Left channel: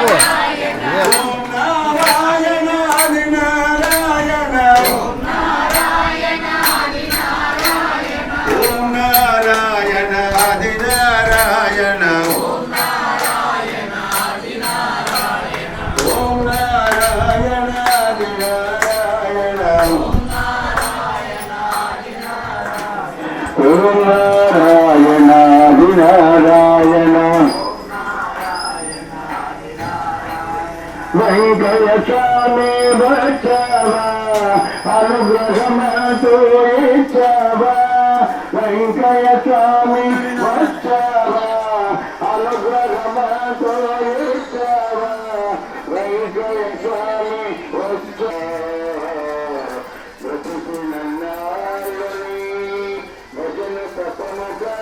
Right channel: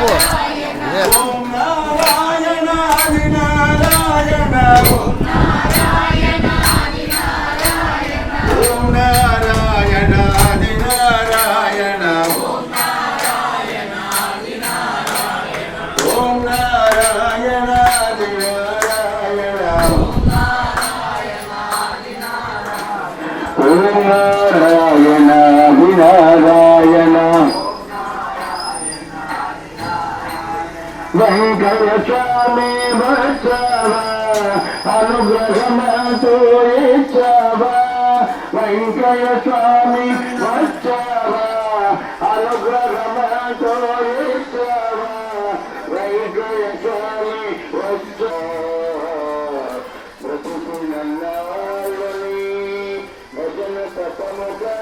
చెప్పు ఓం నారాయణ ఆది నారాయణ ఓం నారాయణ ఆది నారాయణ ఓం నారాయణ ఆది నారాయణ ఓం నారాయణ ఆది నారాయణ ఓం నారాయణ ఆది నారాయణ ఓం నారాయణ ఆది నారాయణ ఓం నారాయణ ఆది నారాయణ వెంకయ్య స్వామి వచ్చావా అనుగ్రహమతో ఇచ్చావా వెంకయ్య స్వామి వచ్చావా అనుగ్రహమతో ఇచ్చావా వెంకయ్య స్వామి వచ్చావా బ్రతుకునన్నాళ్ళని భజన తపముగా